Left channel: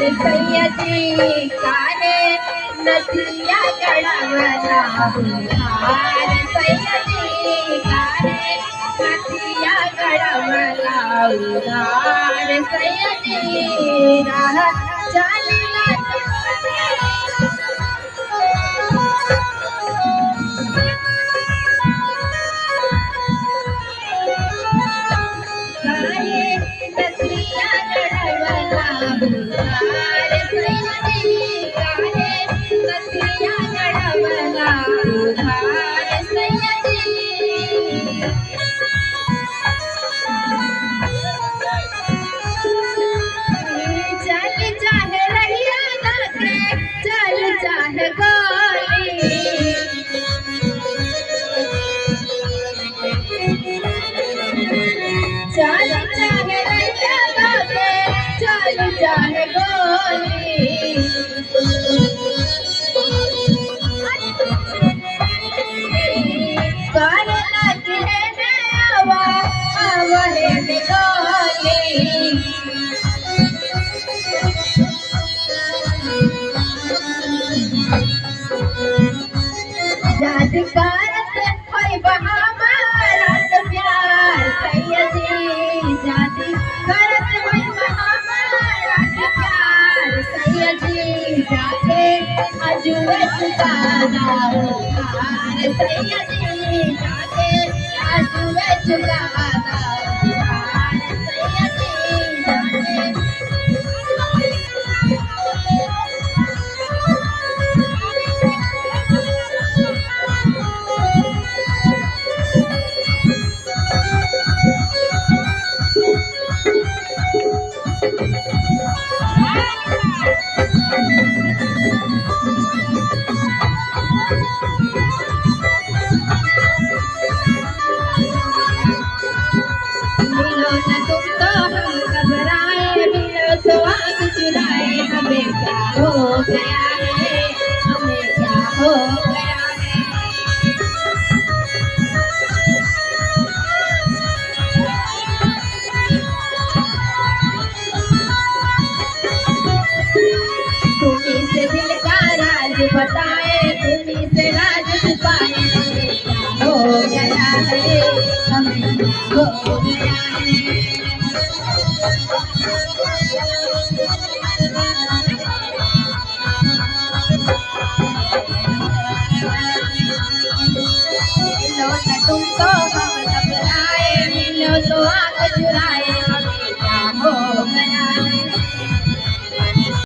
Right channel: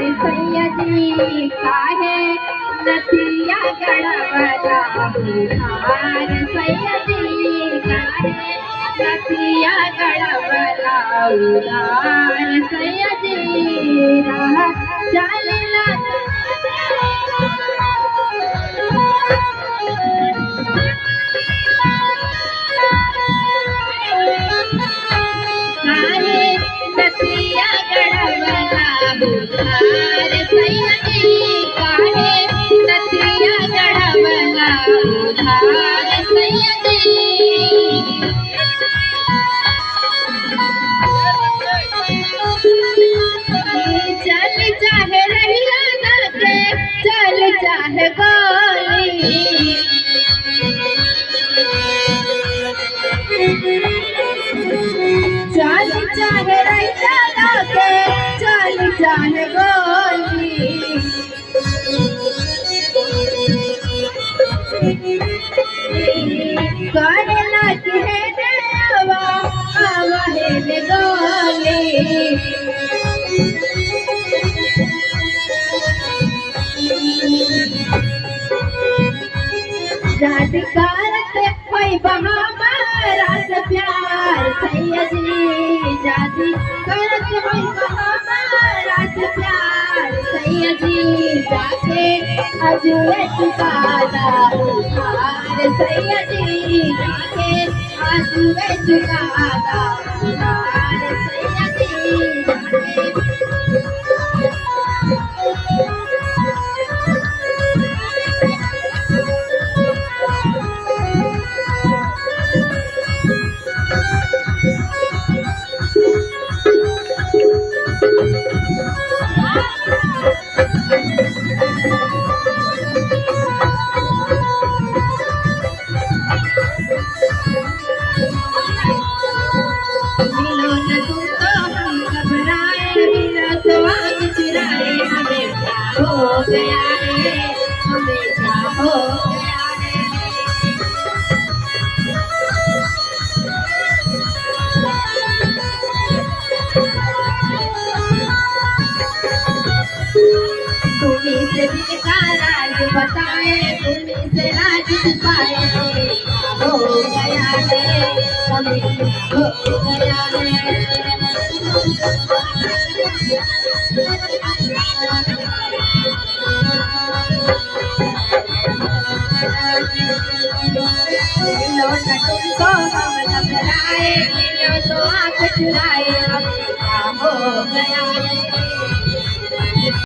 सय्यदी काहे नथिया गळवला उधार सय्यदी काहे नथिया गळवला उधार सय्यदी राह चालला काहे नथिया गळवला उधार सय्यदी काहे नथिया गळवला उधार सय्यदी चल चाहे रहिया गाके चल चाहे गोली चल चाहे रहिया गाके चल चाहे गोली काहे लागी है आवा आवा है बेगाली जाद करत होई बहामारात प्यार सय्यदी जाद करत होई बहामारात प्यार सय्यदी जाके अजुए चुकादा उधार सय्यदी जाके अजुए चुकादा